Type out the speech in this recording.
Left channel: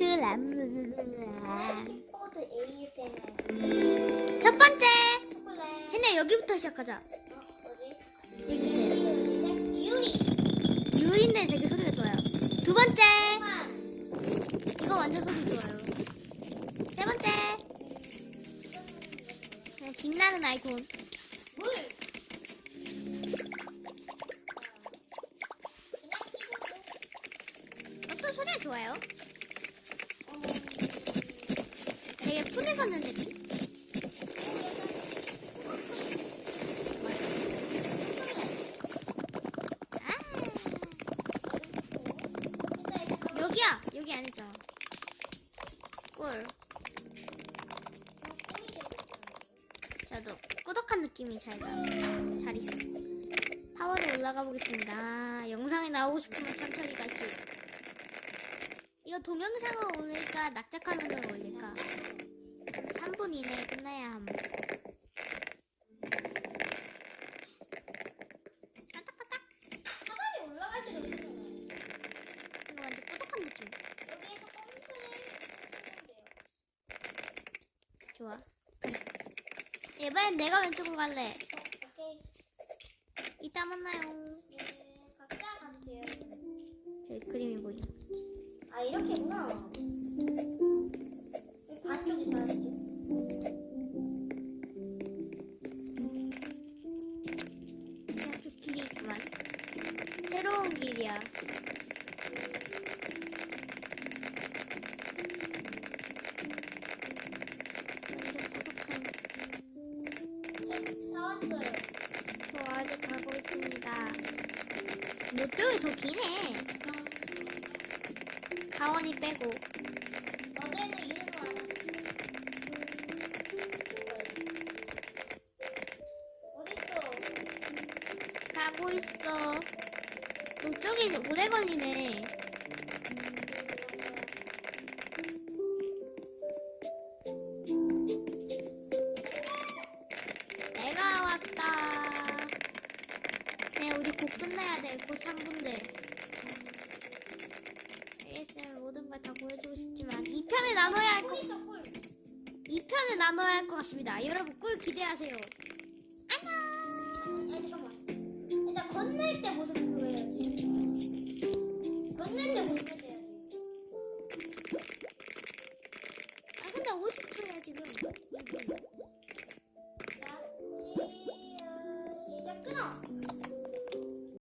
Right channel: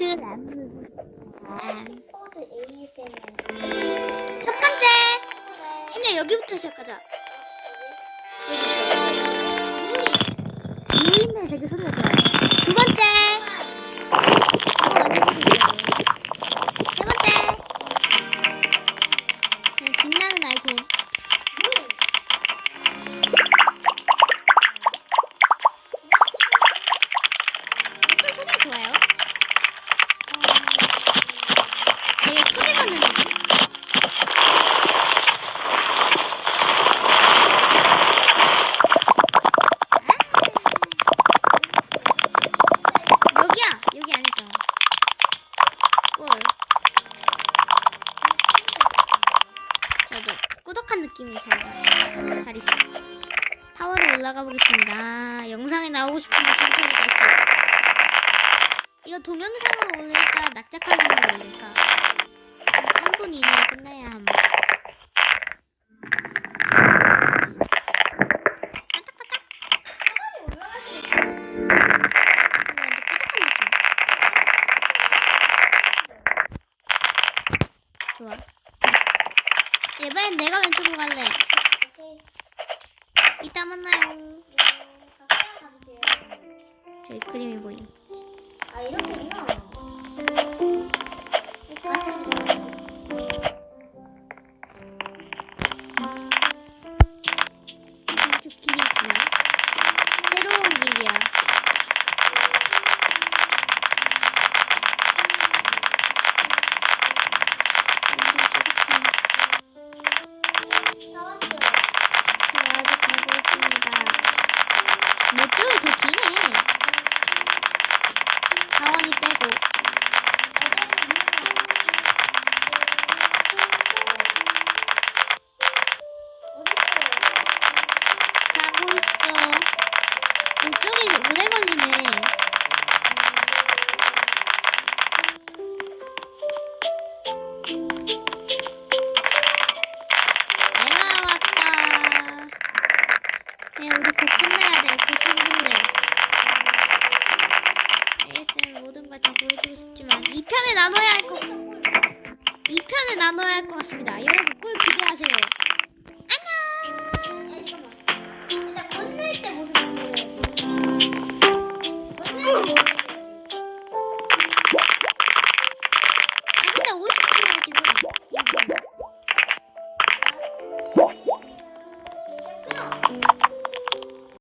ASMR. 첫 번째. 혜나 여기부터 시작하자. 여기부터. 유인데 되게 소리가 좋아 꿀. 저도 꾸덕한 느낌이 잘가 잘 있어. 타워로 올라가 보겠습니다. 영상에 나오고 싶으면 천천히 가시오 이거 동영상으로 올릴까? 낙작화면으로 올릴까? 3분 이내에 끝나야 함 반짝 좋아. 이번엔 내가 왼쪽으로 갈래. 오케이. 이따 만나요. 음. 저기 그림이 보이네. 아 이렇게구나. 몇 쪽이 더 기네. 자원이 빼고. 가고 있어. 이쪽이 오래 걸리네. 곧 끝내야 돼. 그 3분대. ASM 모든 걸 다 보여주고 싶지만 2편에 나눠야 할 것, 2편에 나눠야 할 것 같습니다. 여러분 꿀 기대하세요.